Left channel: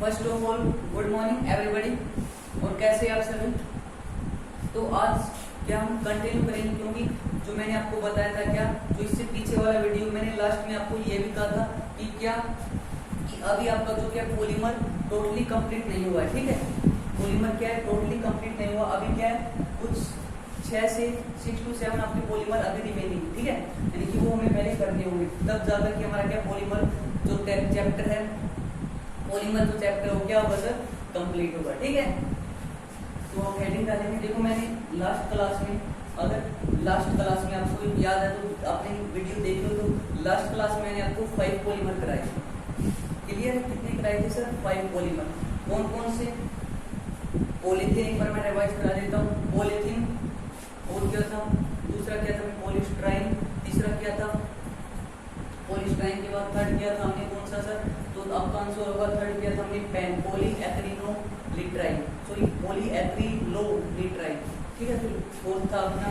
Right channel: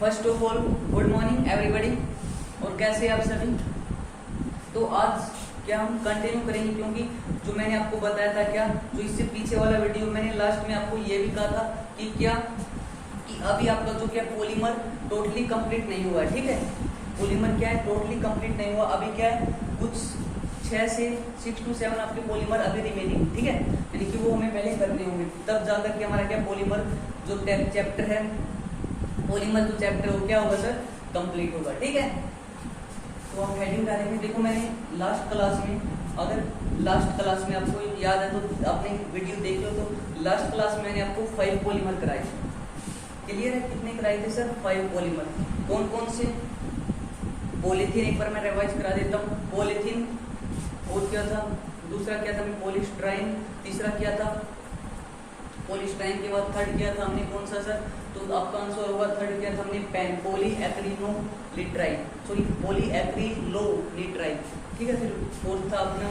First of all good morning everybody. और कैसे आप सभी। तो आज क्या हम कंटिन्यू करेंगे, क्योंकि जो मैंने आपको बताया था, क्या जो इससे पीछे वाला वीडियो मैंने लास्ट में आपको ये भी कहा था कि क्या कि अभी आपका जो क्या पॉलीमर टोटली कंप्लीट नहीं हुआ है। ठीक है, पॉलीमर क्या है, टोटली कंप्लीट नहीं हुआ। अभी क्या है, कुछ 6 से 6 to 7 आपके पॉलीमर अभी रिमेनिंग। ठीक है, यानी कि वो हमें पहले करने होंगे, तब जाकर के हमारा क्या पॉलीमर जो चैप्टर है, पॉलीमर जो चैप्टर है वो क्या होगा सर, कंप्लीट होगा। ठीक है, तो हम हेडिंग डालेंगे। देखो मैंने लास्ट क्लास में, अगर लास्ट क्लास में आपको याद है तो आपने वीडियो देख लो, तो लास्ट क्लास में मैंने आपको 5 पॉलीमर कराए थे। क्लियर है, कितने कराए थे सर, 5 पॉलीमर। कौन कौन से, पॉलीथीन एक बार मैं रिवाइज करा देता हूँ। पॉलीथीन, और क्या था, दूसरा क्या था, पॉलीस्टाइन, तीसरा क्या था, पॉलीस्टाइन के बाद थर्ड क्या था हमने, कौन सा सर, तो आपका आंसर होगा थर्ड क्या था हमने, पॉलीएक्रिलोनिट्राइल, सॉरी पॉलीएक्रिलोनिट्राइल। ठीक है, फोर्थ था अपना,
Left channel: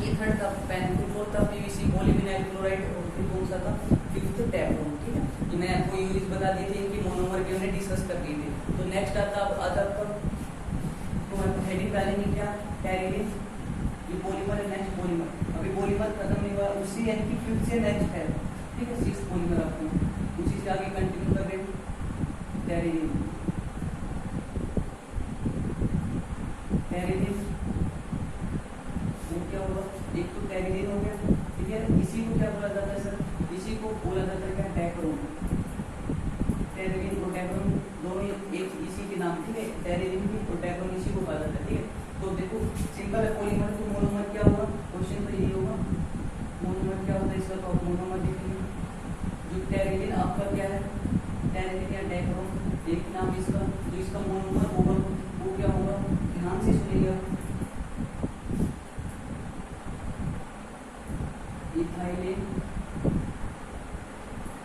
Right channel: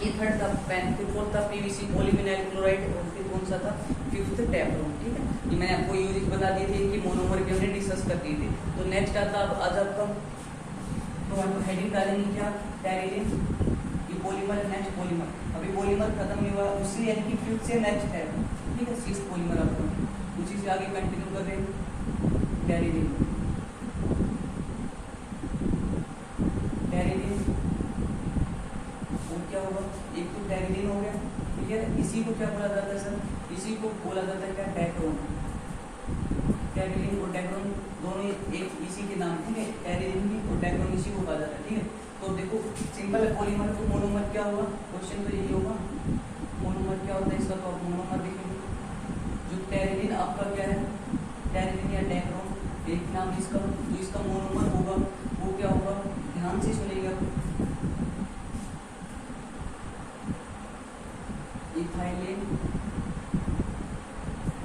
ये थर्ड था पेन, फिर फोर्थ था पीवीसी पॉलीविनाइल क्लोराइड, और फिर कौन सा था, फिफ्थ टैप्रोन। ठीक है, ये मैंने आपको यूज बता दिए थे, इनकी मोनोमर के हमने डिस्कस कर दिए थे। तो नेक्स्ट आता है आज आपका, तो हम हेडिंग डालेंगे क्या, टेरिडिन, ये पॉलीमर है, नेक्स्ट पॉलीमर। अभी पॉलीमर खत्म नहीं हुआ, उसी यानी कि फिफ्थ से नेक्स्ट है। ठीक है, 6 पॉलीमर आपको, उसी से आगे कंटिन्यू कर रहे हैं। टेरिडिन, टेरिडिन, और क्या होगा, एक तो टेरिडिन हो गया। ठीक है, इसी को क्या बोला जाता है सर, इसी को बोला जाता है क्या, डेक्रोन। टेरिडिन और डेक्रोन दोनों एक इसी के नाम। ठीक है, टेरिडिन भी और डेक्रोन इसी को कहा जाता है। ठीक है, तो देखो सिंपल है, पॉलीमर तो मोनोमर क्या होगा, क्वेश्चन तो यही होगा, मोनोमर क्या होता है इसका, तो आप मोनोमर लिखेंगे। जो टेरिडिन आपका क्या है, टेरिडिन या डेक्रोन एक नाम इसका, जो इसका मोनोमर होगा वो क्या होगा, ध्यान से सुनिएगा, इथाइलिन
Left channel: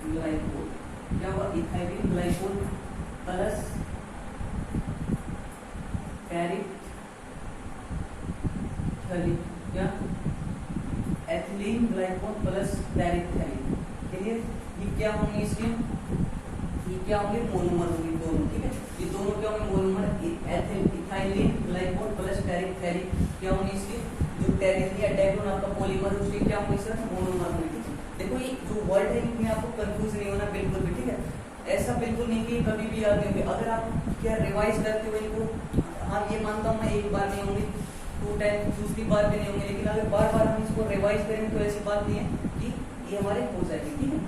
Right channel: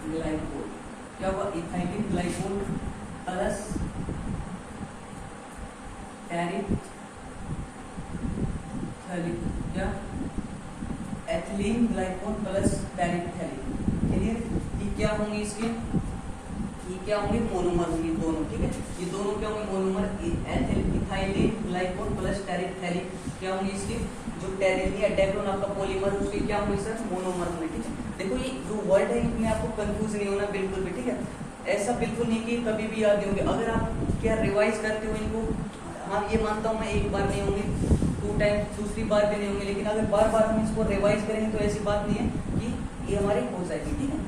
ग्लाइकोल। क्या हुआ, इथाइलिन ग्लाइकोल प्लस टेरिथ्रिक, क्या एथिलीन ग्लाइकोल प्लस टेरिथ्रिक। क्लियर, ये क्या होंगे इसके, ये क्या होंगे, मोनोमर होंगे दोनों। ठीक है, ये दोनों क्या होंगे, मोनोमर, इथाइलिन ग्लाइकोल प्लस टेरिथ्रिक क्या होंगे इसके, जो टेरिडिन या डेक्रोन आपका पॉलीमर उसके क्या होंगे सर, मोनोमर होंगे। ठीक है, देखो ये जो वर्ड है इनमें आपको कंफ्यूज नहीं होना बिल्कुल भी। ठीक है, ऐसा बिल्कुल नहीं कि कभी भी याद नहीं होंगे। अगर आप क्या रिवाइज करते हो इनको, हाँ ये मानता हूँ मैं, एक बार नहीं होंगे, 2 टाइम, दूसरी बार भी नहीं होंगे, लेकिन अगर बार बार हम इसको रिवाइज करेंगे तो ऐसी बात नहीं है कि ये हमारे हो जाएगी। ठीक है,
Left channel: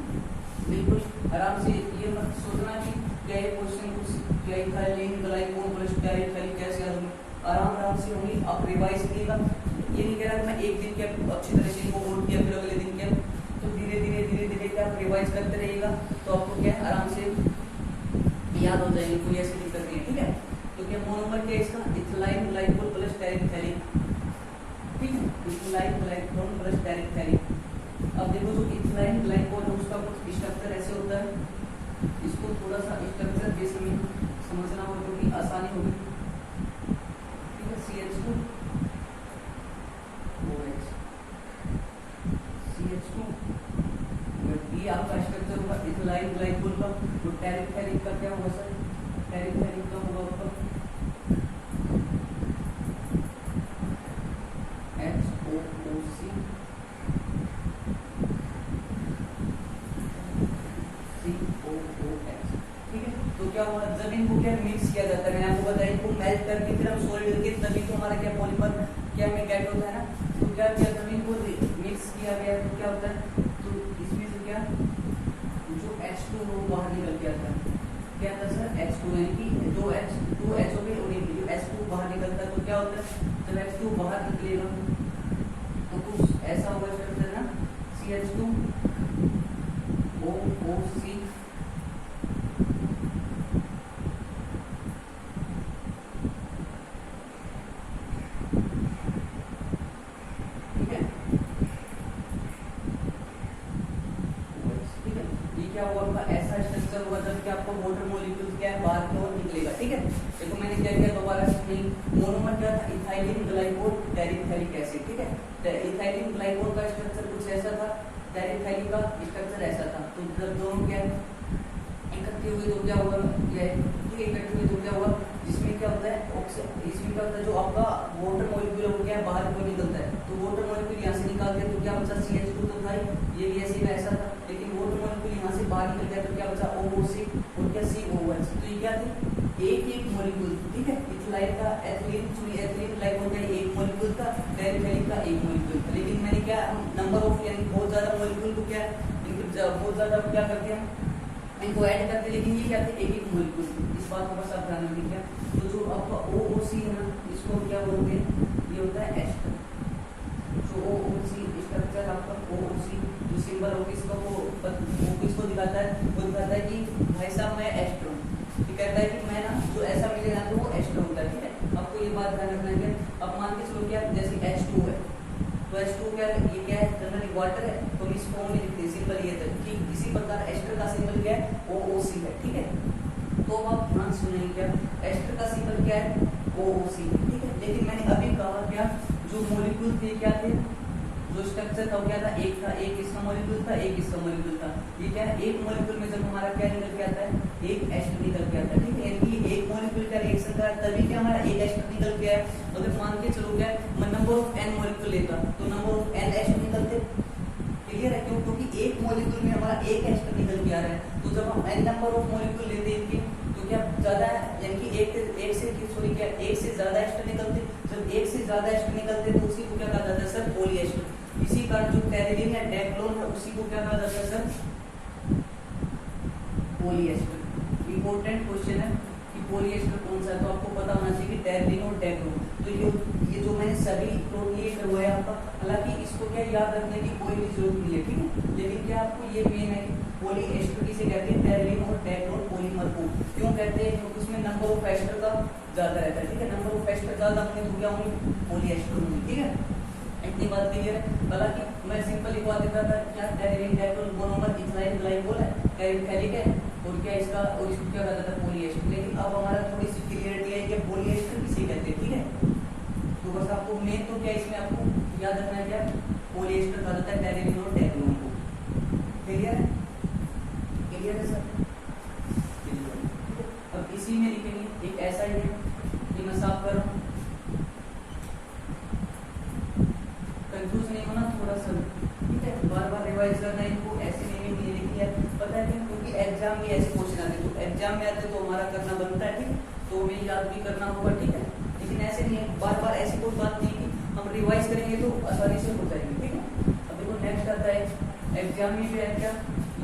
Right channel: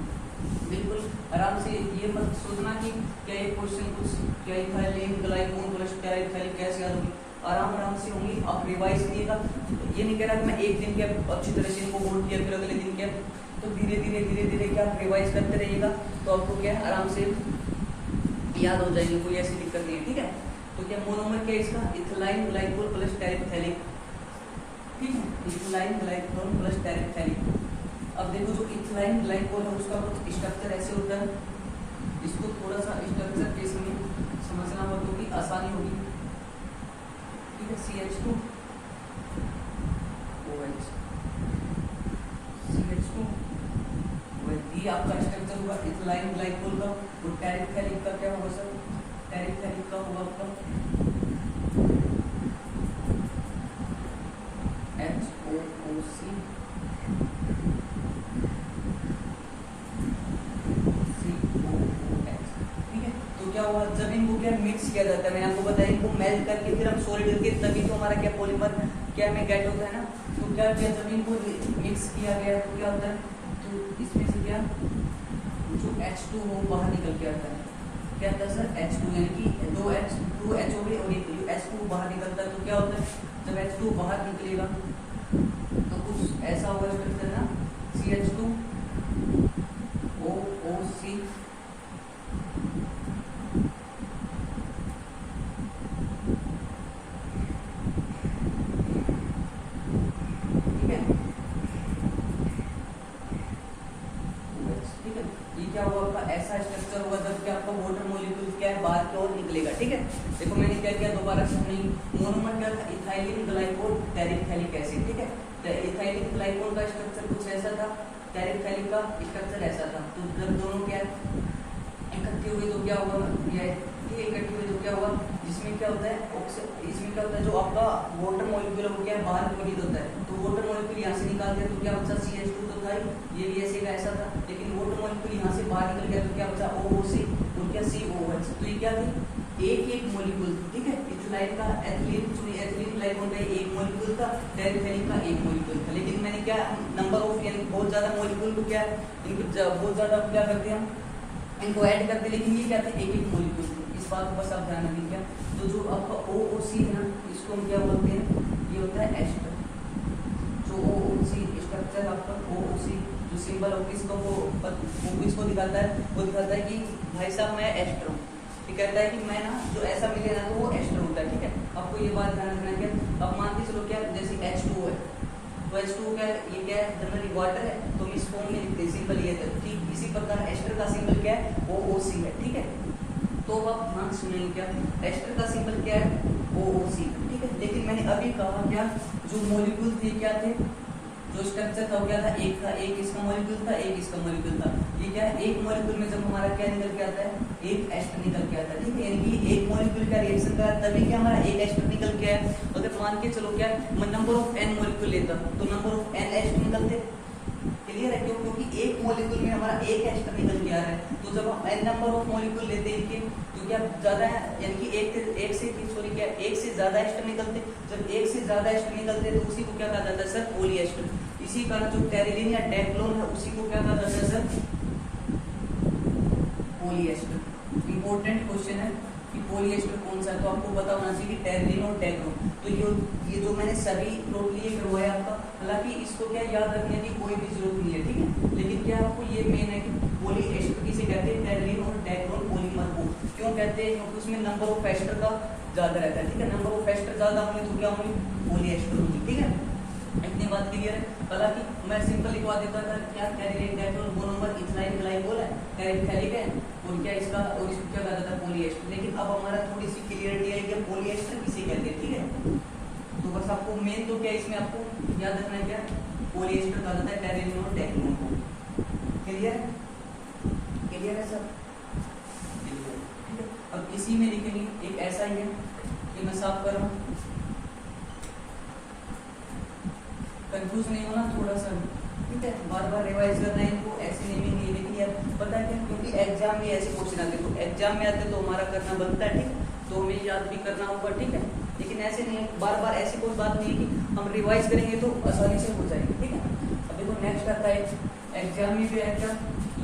बिल्कुल आराम से, ये मत सोचना कि क्या ये क्वेश्चन कुछ क्या इथाइलिन ग्लाइकोल प्लस टेरिथ्रिक कैसे होंगे, आराम से होंगे। आप रिवाइज करिएगा, ये नहीं कह रहा कि मैं एक दिन क्या अच्छी तरह से इनको बोल किया फिर अगले दिन क्या, तो धीरे धीरे क्या आप रिवाइज करते रहिएगा, तो आपको क्या आराम से याद हो जाएगी, कोई ऐसी दिक्कत नहीं है। ठीक है, तो क्या मोनोमर क्या इसका, इथाइलिन ग्लाइकोल प्लस टेरिथ्रिक। ठीक है, इथाइलिन ग्लाइकोल प्लस टेरिथ्रिक। अब देखो जो इथाइलिन ग्लाइकोल है उसका कुछ स्ट्रक्चर ऐसे होता है, इसको थोड़ा सा स्ट्रक्चर बेस में समझना हो तो कि आसानी होगी। ठीक है, CH2 OH, CH2 OH, ये आपका स्ट्रक्चर होगा इथाइलिन ग्लाइकोल का। तो टेरिथ्रिक का क्या होगा सर, टेरिथ्रिक का होगा आपका HOOC COOH। ठीक है, तो क्या हुआ, जब इनको क्या मिक्स किया जाता है, मैंने आपको बताया, इनको मेल्ट करके फिर हम सॉलिड करके, तभी तो हमारा क्या पॉलीमर क्या में गेट होता है ना। तो क्या किया, जब इनको मिक्स किया गया तो क्या होता है, तो इसमें से क्या, जो H2 हो बाहर निकल के आता है, क्या आता है सर, H2, यानी कि 2H हो गई और ये H2 बाहर निकलता है। तो क्या होता है, जब H2 बाहर निकलेगा तो कुछ ऐसा होगा स्ट्रक्चर ना, CH2 OOC। क्या हुआ आपका, ऐसा स्ट्रक्चर हुआ जब कि आपका वाटर मॉलिक्यूल क्या है, बाहर की ओर निकलेगा। ठीक है, देखो मैंने क्या किया, दोबारा मोनोमर क्या था, इथाइलिन ग्लाइकोल टेरिथ्रिक एसिड। ठीक है, इथाइलिन ग्लाइकोल का स्ट्रक्चर कुछ ऐसा था, टेरिथ्रिक का स्ट्रक्चर ऐसा था। तो जब दोनों क्या इकट्ठे हुए तो क्या होगा, ये इकट्ठे हुए तो क्या होगा, जिसमें क्या होता है इसमें क्या होता है, जो आपका वाटर मॉलिक्यूल है वो क्या है, बाहर को निकलता है। तो वाटर मॉलिक्यूल यहाँ से निकाल दिया तो क्या बचा, CH2 तो था ही, ये भी ऐसे का ऐसा था, लेकिन वाटर मॉलिक्यूल यहाँ से बाहर निकल गया तो क्या बचा, OOC और क्या COOH। तो ये क्या थी, एक मॉलिक्यूल, ठीक है। इथाइल का एथिलीन ग्लाइकोल का एक मॉलिक्यूल था, टेरिफेलिक का एक मॉलिक्यूल था। लेकिन मैंने क्या, नंबर ऑफ यानी बहुत ज्यादा मॉलिक्यूल को क्या इनको बहुत ज्यादा क्या करते हैं हम, इनको ऐड करते, लेकिन ये क्या थे, एक मॉलिक्यूल। इस बात को बस आप ध्यान रखिए। तो जो आपका OOC है ना, इसको हम क्या बोलते हैं, ये होता है एस्टर। जो OOC स्ट्रक्चर आपका OOC जो सिंबल होगा इसका वो किसको दिखाता है, वो दिखाता है कि भाई साहब मैं एस्टर हूँ। ये कहता है कि मैं ना जो ऐसा मिले ना तो वो एस्टर होता है, ठीक है। आपको ये बात ध्यान रखना है। अब मान के चलो क्या, जैसे H2 है तो H2 क्या है, ये क्या है, जनरली वाटर है, तो हम इस फॉर्म में लिखते हैं, सिंबल ये था। ठीक इसी प्रकार एस्टर का सिंबल क्या है, OOC है, ठीक है। तो आप ध्यान सुनिए, क्या एस्टर का सिंबल क्या है, OOC, ठीक है। लेकिन मैंने अभी कहा क्या, जो मॉलिक्यूल थे क्या थे, जो स्ट्रक्चर था वो क्या था, एक इसका मॉलिक्यूल था, एक इसका मॉलिक्यूल था। ये क्या है, एक मॉलिक्यूल में जब हमारा क्या निकल के आता है, एक एस्टर निकल के आता है, ठीक है। यानी कि एक मॉलिक्यूल का रिएक्शन का तभी क्या हमारा एक एस्टर निकल के आया। अगर मान के चलो क्या नंबर ऑफ n मॉलिक्यूल लेता तो नंबर ऑफ n एस्टर निकलते, क्लियर है। क्यों, क्योंकि एक मॉलिक्यूल में हमारा एक एस्टर निकल के आ रहा है। तो जब हम n नंबर ऑफ मॉलिक्यूल लेते हैं इनके तो क्या ज्यादा है, यानी कि एक से ज्यादा एस्टर निकलते। जब एक से ज्यादा एस्टर निकलते तो उसी को क्या कहा जाता है सर, पॉलीएस्टर। इसी कारण जो टेरिलीन या डेक्लोन है उसी को क्या कहा जाता है सर, पॉलीएस्टर। इंपॉर्टेंट क्वेश्चन है कि पॉलीएस्टर कौन सा है, तो आपको पता होना चाहिए कि टेरिलीन और डेक्लोन। तो ये जो मैंने सभी टोटली करवाया आपका, हालांकि इसको क्या याद रखने की कोई भी जरूरत नहीं है, ठीक है। लेकिन क्या आपको ये मेन है कि पॉलीएस्टर किसे कहते हैं, टेरिलीन और डेक्लोन पॉलीमर को क्यों कहते हैं, क्योंकि उसमें नंबर ऑफ एस्टर का ज्यादा रहता है, ठीक है। नंबर ऑफ एस्टर ज्यादा होंगे तो क्या होंगे, पॉलीएस्टर होंगे, ठीक है। इतनी बात क्लियर है। हालांकि मैं सिंपल लिखवा देता था क्या, टेरिलीन डेक्लोन मोनोमर इथाइल ग्लाइकोल है, टेरिफेलिक है, और क्या इसका और इसको क्या कहता था, पॉलीएस्टर। लेकिन अब हमारा थोड़ी सी क्लियरिटी है कि पॉलीएस्टर किसे कहते हैं, ठीक है। तो बस आपको मेन तो क्या इसमें आपको याद रखना है, क्या पॉलीएस्टर कहा जाता है टेरिलीन और डेक्लोन को। क्लियर है, क्लियर है सर, ठीक है। अब इसी में लिखेंगे एक ऐसा ही है, ये मैं साफ कर रहा हूँ, कंफ्यूज नहीं होना थोड़ा सा, ठीक है। बार बार रिवाइज करना है इनको, ऐसे नेमिंग नहीं लिखनी है, पता है क्या, क्योंकि एग्जाम में ऐसे क्वेश्चन आते हैं, तो एग्जाम में आते तो हमारा करना बनता है, ठीक है। तो हमें याद भी करना होगा, ठीक है। लेकिन ऐसे नहीं है, बार बार ऐसी कोई बात नहीं है कि हम रिवाइज करेंगे तो आसानी से हो जाएगी, ठीक है। अब देखो नेक्स्ट आता है एग्जाम में भी है क्या,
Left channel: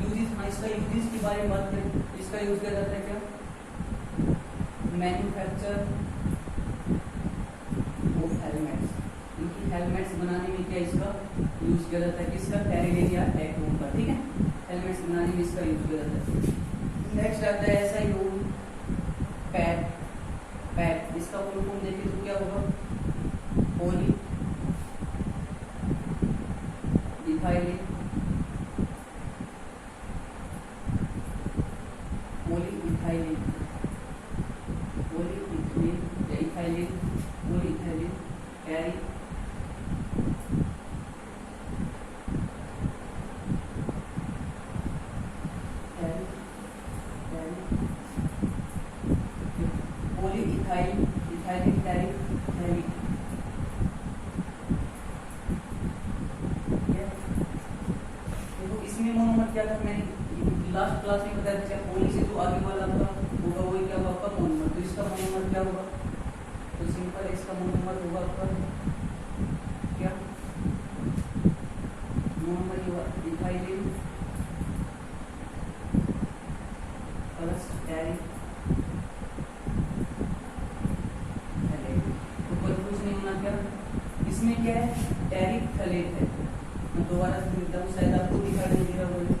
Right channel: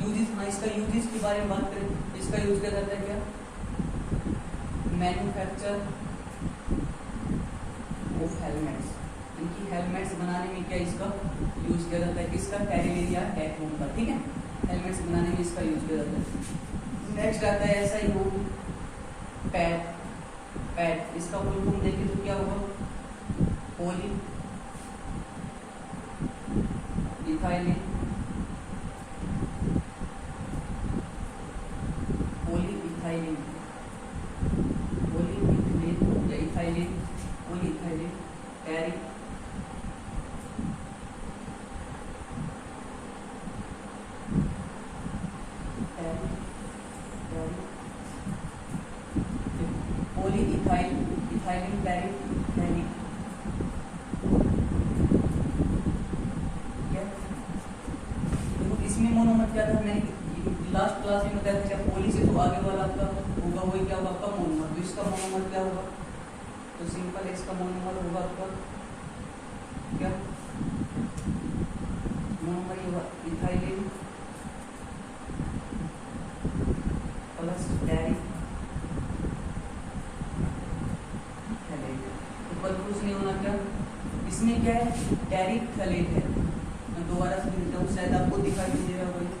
यूजेस। हाँ, इसका यूजेस के बारे में बात करें, इसका यूज किया जाता है क्या, मैन्युफैक्चर ऑफ हेलमेट्स। इनकी हेलमेट्स बनाने में क्या इसका यूज किया जाता है, किसका, टेरिलीन या डेक्लोन का, ठीक है। हेलमेट्स बनाने में इसका यूज किया जाता है। नेक्स्ट आता है ऐसा ही हो, पैड। इसका फुल फॉर्म देखिए तो क्या होगा, पॉली इथाइलिन या इथाइलिन पॉलीइथाइलिन पैरी इथाइलिन पैरी इसमें मोनोमर क्या था, मैंने लास्ट क्लास में बताया था, पोली से जो आगे वाला आपका होगा वही क्या होगा आपका मोनोमर। तो इसका मोनोमर क्या होगा, तो सिंपल इसका मोनोमर होगा आपका क्या, मोनोमर होगा इथाइलिन प्लस पैरी। तो कंफ्यूज नहीं होना, क्या इसमें क्या है, टेरिफेलेट है। मैं दोबारा से लिखता हूँ, शायद आपको दिखाई नहीं दे रहा होगा।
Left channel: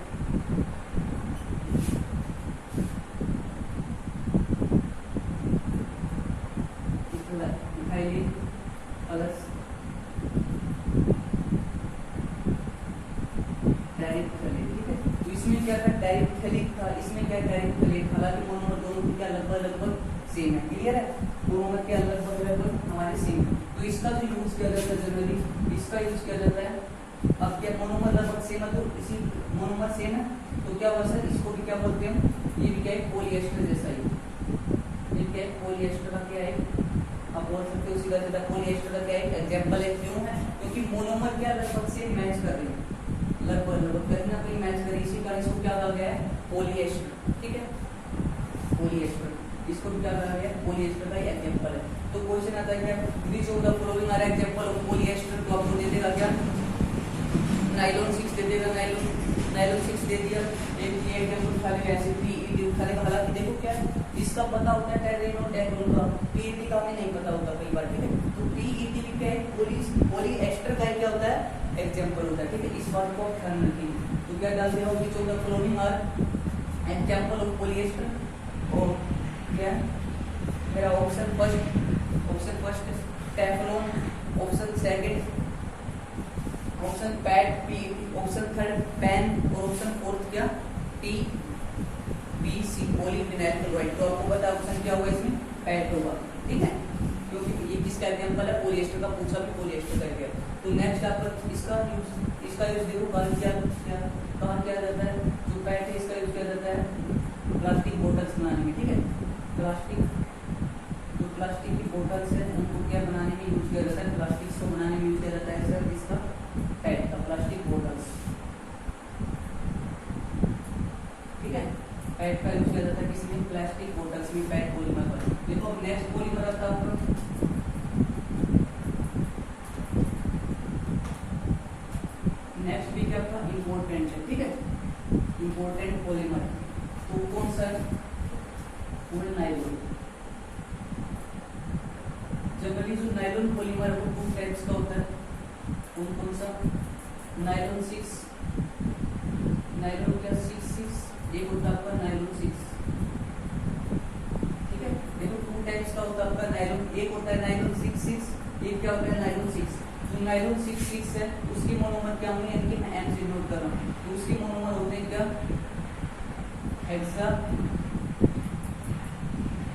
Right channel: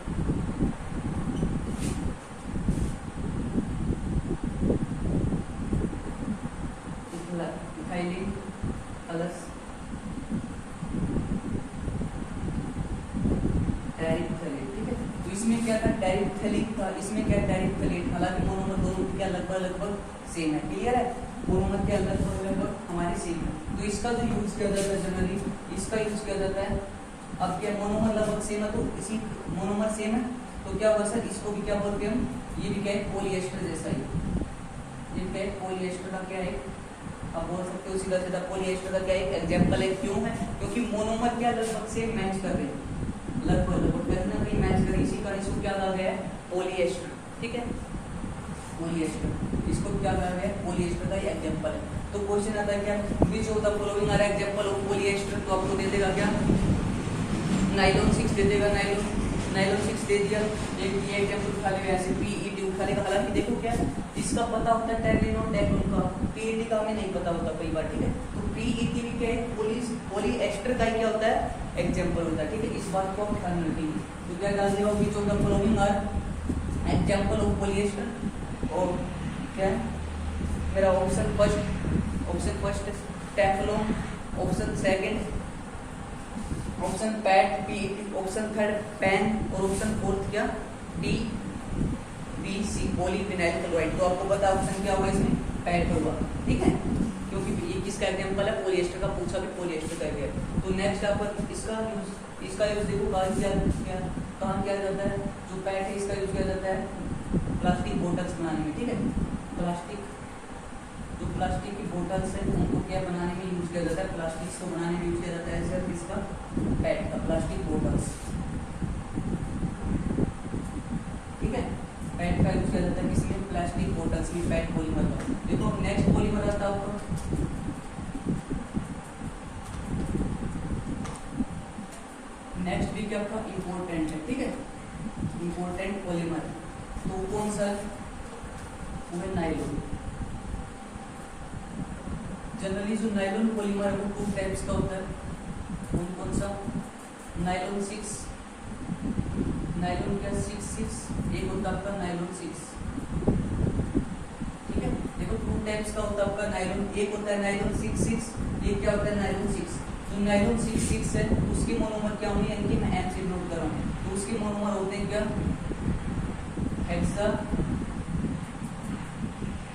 इथाइलिन प्लस टेरिफेलेट, ठीक है। तो इसमें क्या था, टेरिफेलिक था, इसमें क्या टेरिफेलेट। हालांकि मोनोमर दोनों क्या लगभग सेम है, क्लियर है। मोनोमर के लगभग हमारे सेम है। तो इसका जो यूज किया जाता है जनरली, इसका यूज किया जाता है अब क्या मोनोमर लगभग सेम है, तो इसी मोनोमर सेम है तो क्या होगा सर, इसको भी क्या बोलते हैं हम, ये भी क्या है पॉलीएस्टर जैसा ही, ये क्या है पॉलीएस्टर का क्या है, आप बोल सकते हो सीधा सीधा पॉलीएस्टर का क्या है एग्जांपल है। क्यों है, क्योंकि मोनोमर क्या लगभग से मैच कर रहे हैं, लगभग कहीं ना कहीं मैच कर, इसी कारण इसको क्या कहा गया है पॉलीएस्टर। ठीक है, पॉलीएस्टर, इसको क्या कहा गया है पॉलीएस्टर का एग्जांपल है। तो क्वेश्चन आता है क्या, which of the following are example of polyester, तो आपको दे देगा क्या नाइलॉन 6 दे देगा, नाइलॉन 6 दे दिया, एक ये एग्जांपल उठा लेगा, ऐसे पीईटी उठा लेगा। हालांकि देखो क्या इसका पता होता है टेरिन और डेक्रोन का, पीईटी का हमें नहीं पता होता कई बार। ठीक है, तो पीईटी भी क्या है पॉलीएस्टर का क्या होता है एग्जांपल होता है। ठीक है, इस बात को आप ध्यान रखेंगे। तो क्या डाल देगा, which of the following are example of polyester, और क्या मेरा option first Teflon, option second option pad PET, option third pen, और ऑप्शन फोर्थ क्या पीवीसी पॉलीविनाइल क्लोराइड। तो आपको पता ऑप्शन क्या होगा इसमें पैड होगा। ठीक है, क्योंकि ये किसका एग्जांपल है पॉलीएस्टर का, पूछा भी पॉलीएस्टर का गया। तो नेक्स्ट आप इसका यूज देखो कहाँ किया जाता है, जो पैड है इसका यूज किया जाता है प्लास्टिक बोटल्स बनाने में। ठीक है, प्लास्टिक की बोतल्स है उनको क्या बनाने में यूज किया जाता है, प्लास्टिक को बनाने में यूज किया जाता है सर इसका पैड का, प्लास्टिक बोतल्स। ठीक है, पैड का यूज किया जाता है किसमें, प्लास्टिक बोतल्स में, पैड पॉलीमर का। देखो नेक्स्ट पॉलीमर आता है आपका नेक्स्ट भी क्या आपका इम्पोर्टेंट है। ठीक है, इम्पोर्टेंट पॉलीमर तो कौन सा, वो नाइलॉन। जनरली जो नाइलॉन पॉलीमर है वो 2 टाइप्स का होता है, कौन सा नाइलॉन 6, नाइलॉन क्या 6 एक होता है आपका नाइलॉन 6। ठीक है, देखो 2 टाइप्स का होता है आपका नाइलॉन, एक होता है नाइलॉन 6, एक क्या होता है नाइलॉन 6। जो नाइलॉन 6 है उसके मोनोमर क्या होंगे, इनकी मैं एम से नोट कर रहा हूँ, तो उसके मोनोमर होते हैं क्या हेक्सा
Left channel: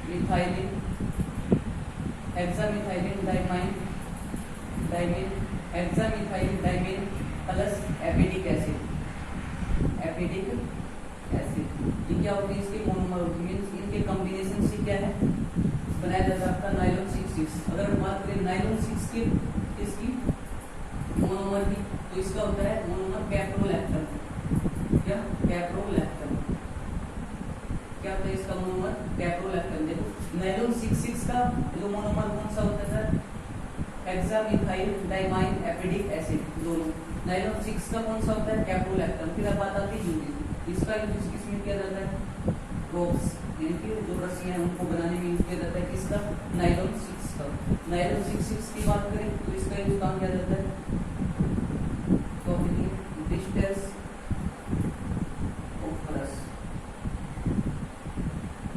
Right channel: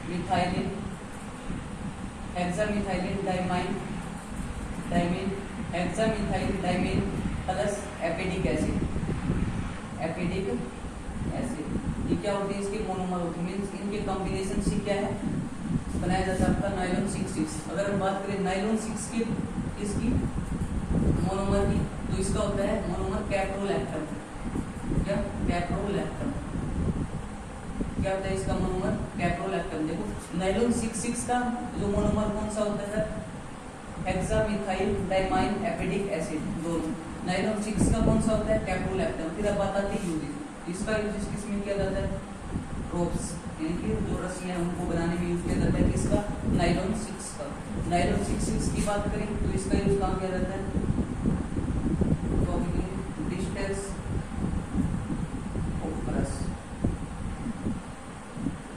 मिथाइलिन डाइमीन प्लस एपिडिक एसिड। ये क्या होती है, इसके मोनोमर होती है, मींस इनके कॉम्बिनेशन से क्या है बनाया जाता है आपका नाइलॉन 6। अगर हम बात करें नाइलॉन 6 की इसकी मोनोमर की, तो इसका होता है मोनोमर कैप्रोलैक्टम। क्या कैप्रोलैक्टम, क्या होता है इसका मोनोमर कैप्रोलैक्टम। देखो नाइलॉन 6 का जो मोनोमर कौन सा होता है, हेक्सामिथाइल डाइमाइन एपिडिक एसिड, दोनों। नाइलॉन 6 का कौन सा होता है कैप्रोलैक्टम। फिर अब बात आती है यूरिन, इसका यूज किसमें किया जाता है, ड्रॉप्स, इनकी जो रस्सियां उनको बनाने में यूज किया जाता है किसका, नाइलॉन 6 का। नाइलॉन 6 की बात करें तो इसका यूज कहाँ किया जाता है,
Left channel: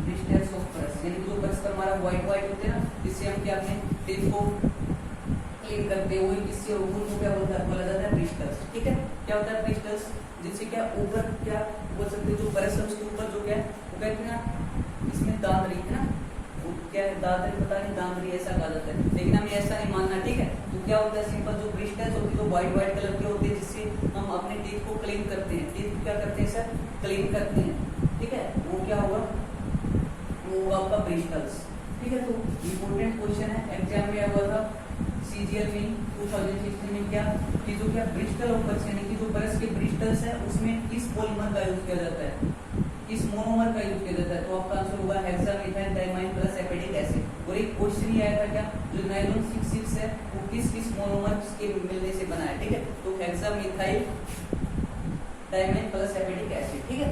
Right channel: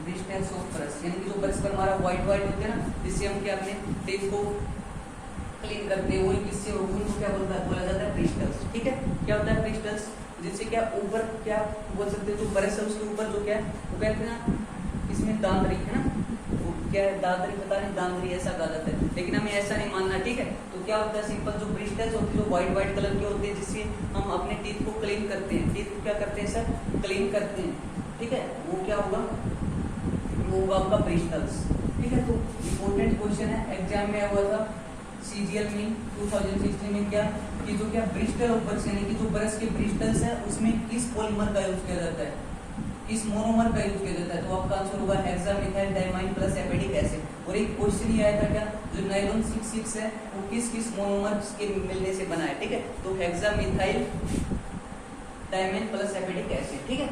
डिस्टेंस ऑफ ब्रश, यानी कि जो ब्रश पर हमारा व्हाइट होते हैं ना, जिससे हम क्या अपने टेप को क्लीन करते हैं, वही किससे उनको क्या बोला जाता है ब्रिस्टल्स। ठीक है, क्या होता है ब्रिस्टल्स, जिससे क्या ऊपर क्या बोल सकते हैं, जो ब्रश है उसके ऊपर जो क्या है वो कहते हैं ना, इसमें दांतरी है ना, वो क्या है दांतरी, पता नहीं दांतरी ऐसा कहा जाता है, लेकिन हमें ऐसा नहीं मानना। ठीक है, तो क्या होता है सिंपल जो ब्रिस्टल्स होती है जो व्हाइट कलर की होती है, जिससे हम अपने टीथ को क्लीन करते हैं, टीथ क्या करते हैं सर क्लीन करते हैं। ठीक है, वो क्या होगा, वो होगा आपका ब्रिस्टल्स। ठीक है, तो इम्पोर्टेंट क्वेश्चन है एग्जाम में हुआ था सीजीएल में 2016 में, क्या कि जो क्या ब्रिस्टल ऑफ ब्रश, यानी कि जो ब्रश के ब्रिस्टल्स है उसमें किस पॉलीमर का यूज किया जाता है, किस मोनोमर का यूज किया जाता है। तो आपका आंसर होगा हेक्सामिथाइल डाइमाइन प्लस एपिडिक एसिड। और एक क्वेश्चन ही आया था क्या, जो नाइलॉन 6 है वो किस मोनोमर के मिलने से बना है। ठीक है, तो हेक्सामिथाइल डाइमाइन प्लस एपिडिक एसिड। ठीक है,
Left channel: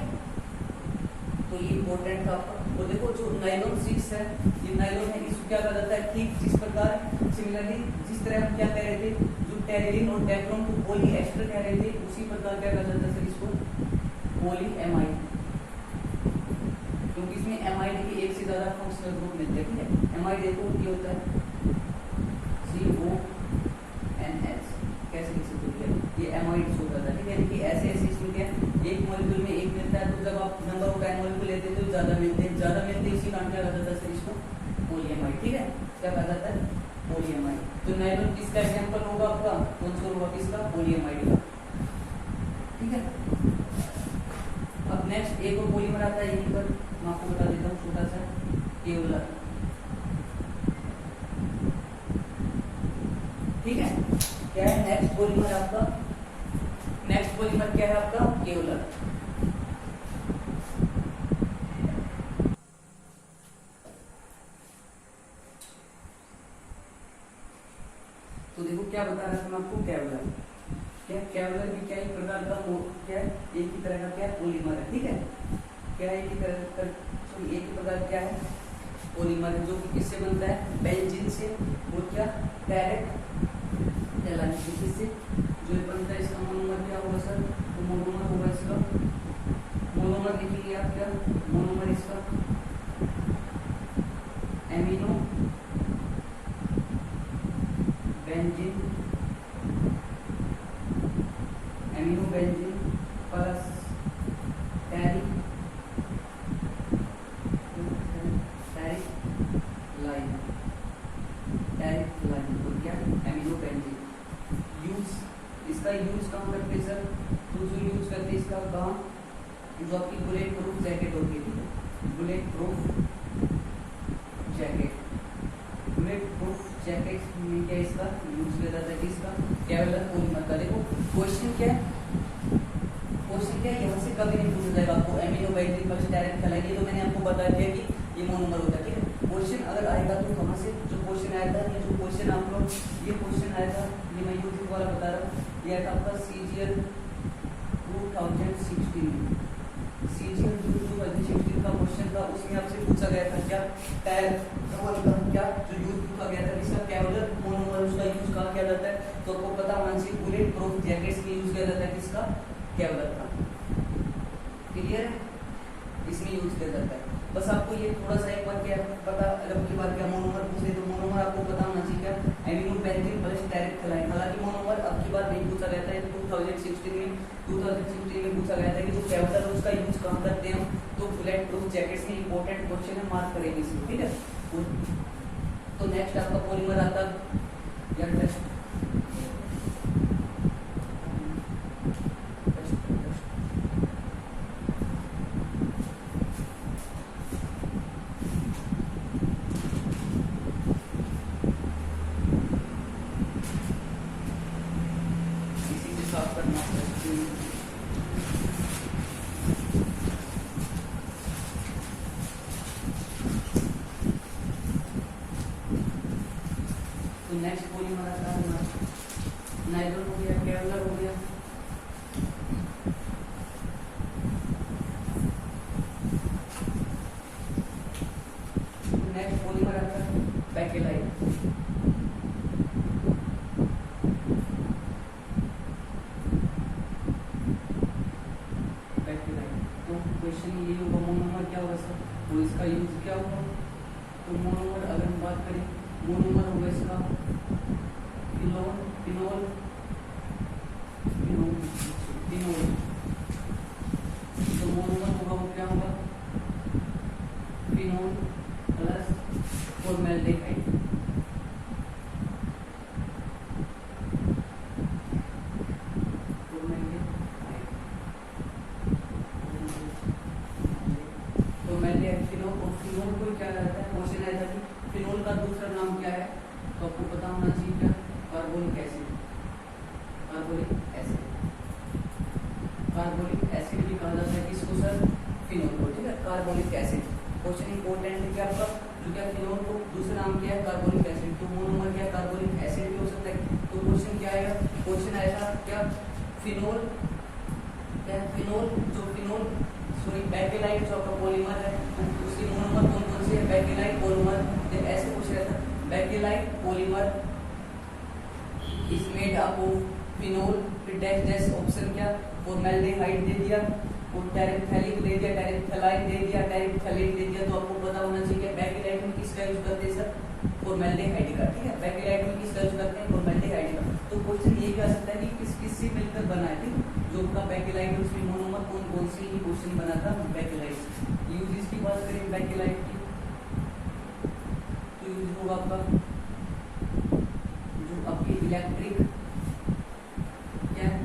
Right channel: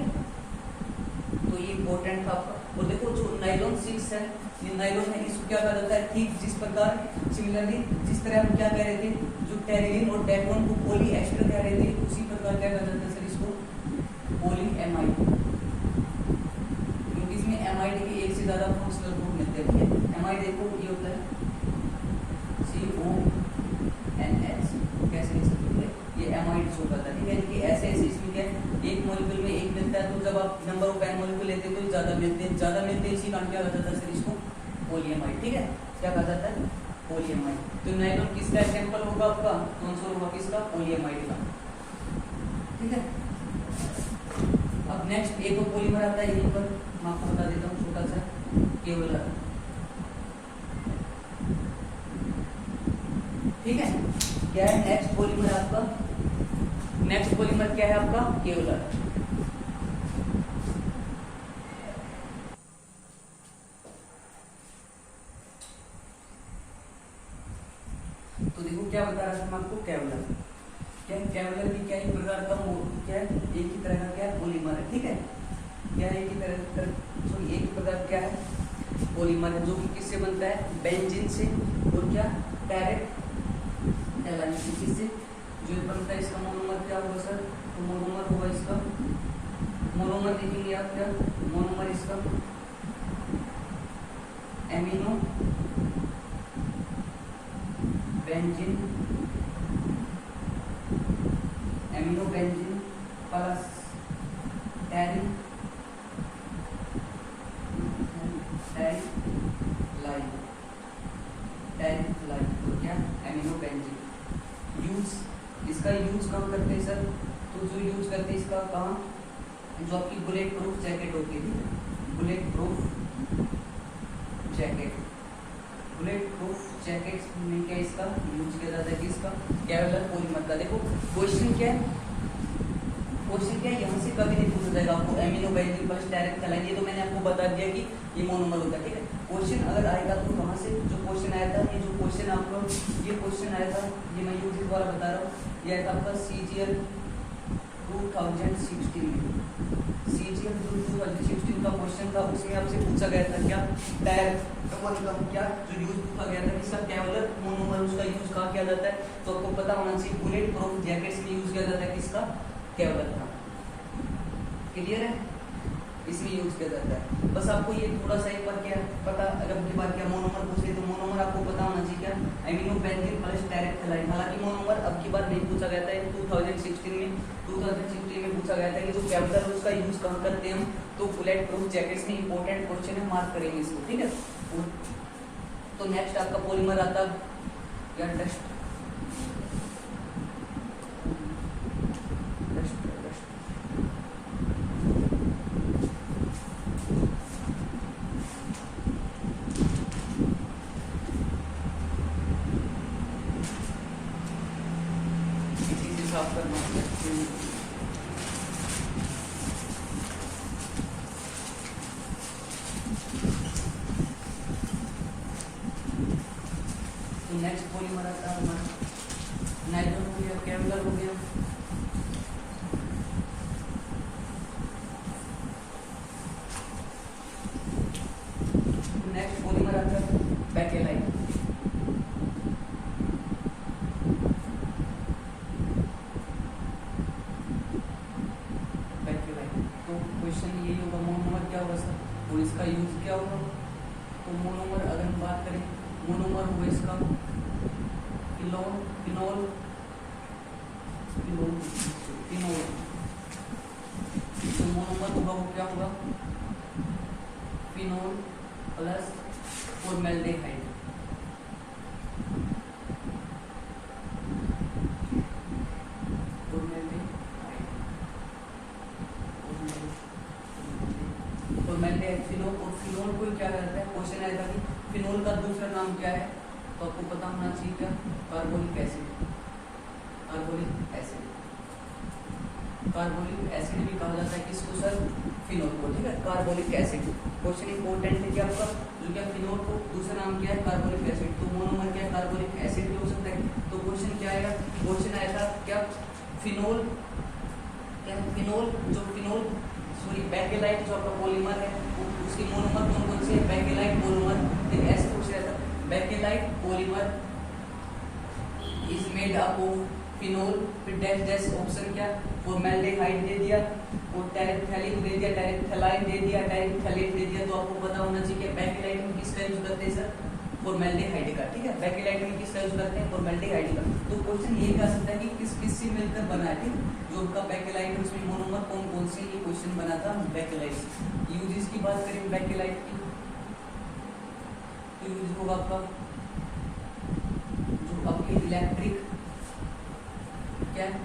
तो ये इम्पोर्टेंट था आपका। और देखो जो नाइलॉन 6 है, ये नाइलॉन है, इसको क्या कहा जाता है, ठीक जिस प्रकार सिमिलरली जिस तरह हम क्या कह रहे थे, जो टेरिलिन और डेक्रोन को पॉलीएस्टर कह रहे थे, उसी प्रकार क्या कहा जाता है सर इसको पॉलीएमाइड, क्योंकि इसमें एमाइड के एक से ज्यादा फंक्शनल ग्रुप मिलते हैं। ठीक है, एमाइड देखो ये होता है CONH, कैसे लिख सकते हैं, ये एमाइड शो करता है। ठीक है, कि ऐसे इसमें क्या एक मॉलिक्यूल में एक मिलता है, तो जब आप नंबर ऑफ एन मॉलिक्यूल लेते हैं तो ज्यादा मिलते हैं, इसी कारण क्या कहा जाता है सर इसको पॉलीएमाइड। ठीक है, क्या कहा जाता है पॉलीएमाइड। तो नाइट्रोन किसका एग्जांपल होगा आपका, कौन सा होगा, किसका, पॉलीएमाइड का। ठीक है, अब नेक्स्ट एक और पॉलीमर आता है यहीं पर, मैं आपको बता देता हूँ, छोटा सा केवलर। ठीक है, क्या है नेक्स्ट पॉलीमर आपका, नेक्स्ट पॉलीमर क्या है आपका, केवलर। तो देखो क्या बता रहा था मैं आपको, केवलर क्या है, केवलर भी क्या एक प्रकार का क्या है, एक ही तरह का क्या है, पॉलीमर है। ठीक है, क्या है, एक ही तरह का, एक ही प्रकार क्या है, पॉलीमर है, जो कि किससे बनता है, बेंजीन से और क्या, डायरेक्ट एलाइन से। किससे, जो बनता है इसका मोनोमर क्या होगा सर, तो मोनोमर होगा इसका, मोनोमर लिखेंगे आप क्या, मोनोमर इसका amino benzene, amino benzene plus terylene, तो क्या, एमिनो बेंजीन। यूज, इसका यूज कहाँ करते हैं सर, तो जो यूज करते हैं इसका कहाँ, जो आपकी बुलेट प्रूफ जैकेट होती है, bullet proof jacket, bullet proof jacket में क्या इसका यूज किया जाता है, किसका, केवलर पॉलीमर का। देखो क्वेश्चन क्या है, क्वेश्चन क्या है, यहाँ से कभी नहीं पूछा जाएगा आपको amino benzene plus direct align, ये तो मैंने आपको बता दिया कि ये मोनोमर होता है। ठीक है, क्वेश्चन अगर आएगा तो कहाँ से, जो क्वेश्चन आया था, ये जो क्वेश्चन आपको, ये क्वेश्चन आया था, ये मैं यूज द्वारा बता रहा हूँ, ये आया था आपका CGL 2016 में, CGL 2016 का क्वेश्चन था, उसमें आपसे पूछा गया था क्या, डायरेक्ट का क्या जो यूज पूछा गया था, इसका केवलर मोनोमर, उसका यूज कहाँ किया जाता है, तो आपको पता होना चाहिए, बुलेट प्रूफ जैकेट्स में यूज किया जाता है, किसका, केवलर का। क्लियर है, इसमें यूज किया जाता है। बस आपको ये थोड़ा सा एक बार क्या पता, अगर की बार क्या मोनोमर पूछे तो मोनोमर आपको पता होना चाहिए क्या, amino benzene plus direct align. हालांकि मोनोमर अब की बार नहीं पूछा गया था, 2016 में पूछा गया था कि जो केवलर उसका यूज कहाँ करते हैं, तो बुलेट प्रूफ जैकेट्स में इंपॉर्टेंट क्वेश्चन है, मार्क करेंगे इसको। ठीक है, तो नेक्स्ट आपका पॉलीमर आता या टेस्ट, इसी से साफ करना है। नेक्स्ट पॉलीमर आता है हमारा नाइट्रोजन हो गया, केवलर हो गया, नेक्स्ट पॉलीमर आता है बेकेलाइट। बेकेलाइट, तो क्वेश्चन ये होगा मोनोमर क्या होगा सर, तो इसका यूज क्या होगा, तो मोनोमर अगर हम बात करें, मोनोमर होगा इसका फिनोल, फिनोल, फिनोल, फिनोल, तो मोनोमर होगा वो क्या होगा, phenol plus formaldehyde. Formaldehyde phenol, और फिनोल को क्या कहता है, क्वेश्चन आया था कि फिनोल का दूसरा नाम क्या है, तो आपको पता होना चाहिए क्या, carbonic acid, carbonic acid, carbonic acid भी कहा जाता है किसको सर, फिनोल को। ठीक है, कार्बोनिक एसिड, क्वेश्चन इंपॉर्टेंट है कि आपका जो क्या फिनोल को दूसरा नाम क्या है, कार्बोनिक एसिड, तो मोनोमर क्या कार्बोनिक एसिड भी हो सकता है। तो क्वेश्चन क्या आएगा, क्वेश्चन आएगा क्या, फिनोल, क्या फिनोल, जो फिनोल सॉरी बेकेलाइट जो आपका पॉलीमर है, उसकी मोनोमर कौन कौन से है, बेकेलाइट पॉलीमर, तो ऐसे पूछ रहा था, bakelite polymer is made up of phenol, फिर डैश डैश ऑप्शन क्या, फॉर्मेल्डिहाइड दे दिया, और टेरिप्थैलिन दे दिया, टेरिप्थेलाइन दे दिया, टेरिप्थेलेट दे दिया। तो आपको पता होना चाहिए कि बेकेलाइट में किसका यूज करते हैं सर, फॉर्मेल्डिहाइड का। ठीक है, बेकेलाइट में किसका यूज करते हैं, फॉर्मेल्डिहाइड का। तो क्वेश्चन ये कह सकता है कि किस किस से मिलकर बना है, ठीक, जो उनका बेकेलाइट है उसमें मोनोमर कौन कौन से, ये क्वेश्चन बना था बेकेलाइट। यूजेस की बात करें बेकेलाइट की, तो यूज होगा आपका आपकी इलेक्ट्रिक क्या है,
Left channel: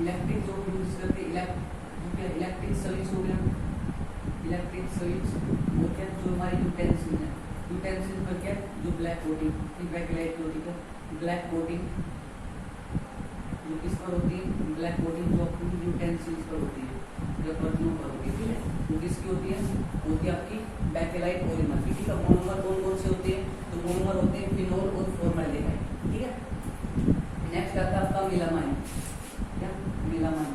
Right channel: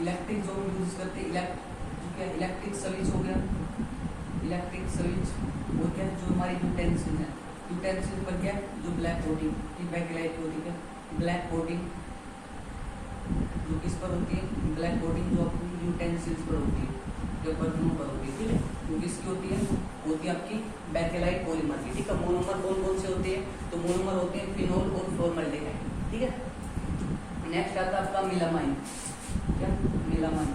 इलेक्ट्रिक जो यूज करते हैं जो क्या इलेक्ट्रिक स्विच हो गया, इलेक्ट्रिक स्विच और क्या जो हमारी यूटेंसिल है, यूटेंसिल पर क्या जो ब्लैक कोटिंग बैकलाइट कोटिंग है, ब्लैक कोटिंग जो किस पर होती है, ब्लैक कोटिंग जो अपनी यूटेंसिल्स पर होती है, जो बर्तनों पर होती है, ठीक है। तो किसकी होती है आपकी बैकेलाइट पॉलीमर की, ठीक है। मोनोमर कौन कौन से होते हैं, तो मोनोमर होते हैं फिनोल और फॉर्मल्डिहाइड, ठीक है। नेक्स्ट आता है आपका मिलामाइन, क्या मिलामाइन,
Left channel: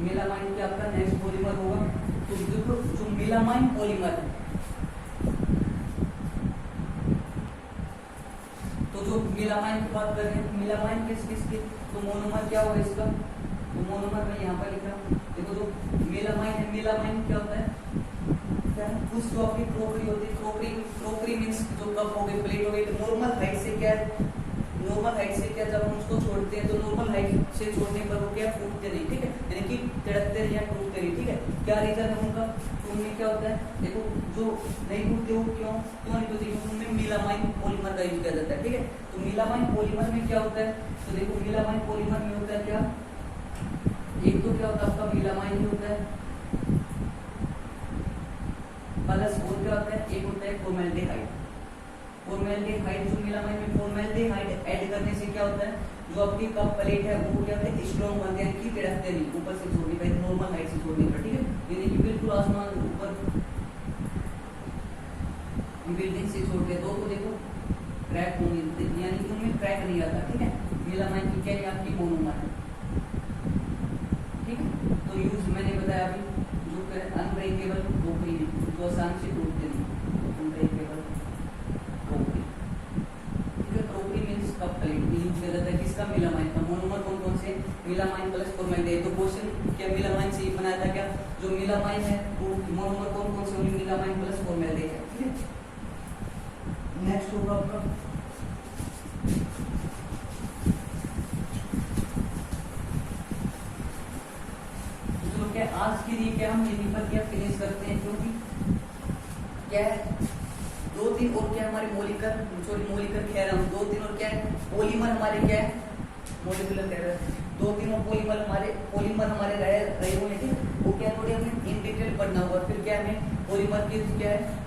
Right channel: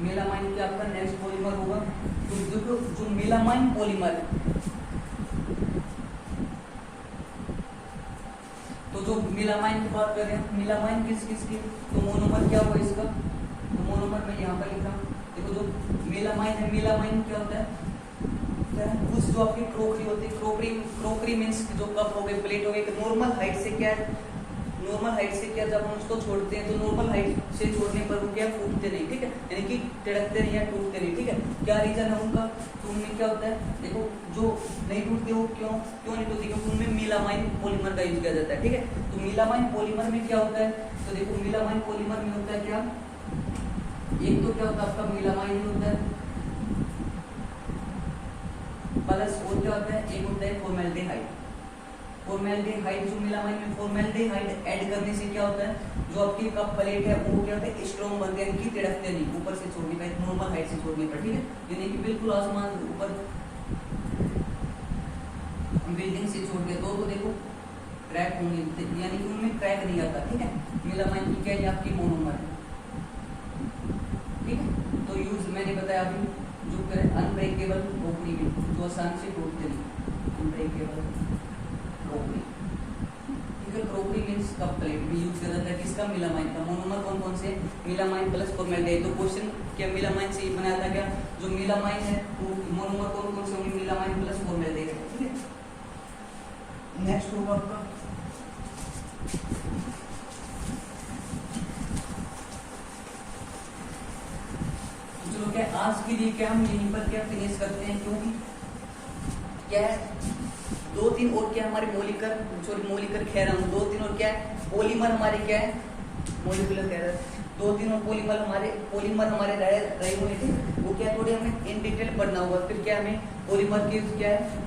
मिलामाइन क्या आपका नेक्स्ट पॉलीमर होगा। तो जो मिलामाइन पॉलीमर है, तो जो मिलामाइन की बात कर रहे हैं, मिलामाइन किस किस की, तो मोनोमर क्या होगा इसका, तो मोनोमर में यहाँ पर लिखा, देखो जो मिलामाइन है, मिलामाइन क्या होता है, क्या है कुछ जो आपकी क्रोकरी होती है, क्रोकरी मीन्स जो कप हो गए, प्लेट हो गई, नॉर्मल हाइट से क्या है, नॉर्मल हाइट से क्या जब हम उसको छोड़ते हैं तो नॉर्मल हाइट से छोड़ने पर वो क्या फूटते नहीं, ठीक है, यानी कि तिड़कते नहीं या टूटते नहीं, ठीक है। क्या रीजन है उनका, तो उनमें क्या होता है, देखो जो नहीं टूटते वो क्यों नहीं टूटते, क्योंकि उनमें मिलामाइन पॉलीमर का यूज किया जाता है, ठीक है। तो मिलामाइन पॉलीमर में क्या होता है, तो देखो मिलामाइन पॉलीमर में होता है क्या, एक तो क्या होता है आपका मिलामाइन होता है प्लस और क्या होता है, एक होता है फॉर्मेल्डिहाइड। फॉर्मेल्डिहाइड जो मिलामाइन में फॉर्मेल्डिहाइड ऐड करने से क्या होता है, जो आपकी कप प्लेट है वो क्या होता है स्ट्रॉन्ग बनते हैं, कि तिड़कते नहीं ऊपर से छोड़ने पर, नॉर्मल हाइट से छोड़ने पर, ठीक है। यानी कि बिल्कुल आसमान ऊपर बिल्डिंग से छोड़ दे तो देखो क्रैक होंगे, यानी कि उनमें क्रैक नहीं आता, ठीक है। मिलामाइन की क्या है आपकी मोनोमर है, ठीक है। तो यूज मैंने बताया अभी जो अनब्रेकेबल क्रोकरी में जो आसानी से टूटते नहीं, अनब्रेकेबल क्रोकरी, ठीक है। क्रोकरी मींस कप प्लेट में यूज किया जाता है किसका, मिलामाइन का। मोनोमर कौन कौन से, मिलामाइन प्लस फॉर्मेल्डिहाइड। तो क्वेश्चन क्या मिलामाइन से ही बनाया था क्या, जो मिलामाइन है वो मोनोमर कौन कौन से होंगे, मिलामाइन प्लस फॉर्मेल्डिहाइड, ठीक है। नेक्स्ट होगा आपका क्या, आज के लिए क्या हम यहीं पर क्या फिनिश करते हैं, क्योंकि क्या है 2-3 और क्या हमारे मोलिकर खेरम 2-3 और क्या है पॉलीमर हमारे क्या है मोलिकुलर खेरम 2-3 और पॉलीमर हमारे रहे हुए थे, वो क्या थोड़े हमें इन डिटेल पढ़ना होगा। फिर क्या हमें पॉलीमर की क्या है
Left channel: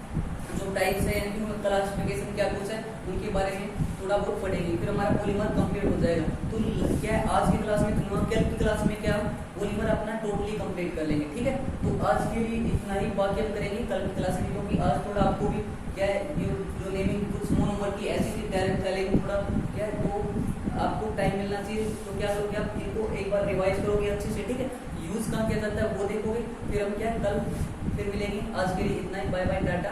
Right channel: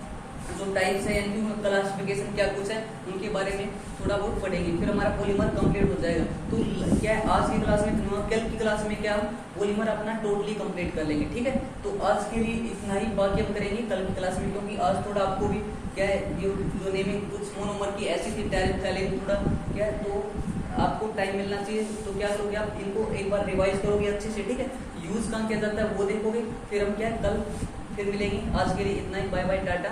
जो टाइप्स है, यानी कि क्लासिफिकेशन क्या कुछ है उनके बारे में थोड़ा बहुत पढ़ेंगे, फिर हमारा पॉलीमर कंप्लीट हो जाएगा। तो क्या है आज की क्लास में, कल की क्लास में क्या हम पॉलीमर अपना टोटली कंप्लीट कर लेंगे, ठीक है। तो आज के लिए इतना ही, बाकी हम करेंगे कल की क्लास में, क्योंकि आज थोड़ा आपको भी क्या है जो नेमिंग कुछ मोनोमर की ऐसी थी तैयारी थोड़ा क्या है, तो आपको टाइम मिलना चाहिए। तो क्या करोगे आप इनको एक बार रिवाइज करोगे अच्छे से, ठीक है। यूज कहाँ किया जाता है वो देखोगे, फिर हम क्या कल फिर मिलेंगे। आज के लिए इतना ही, बाय बाय टाटा।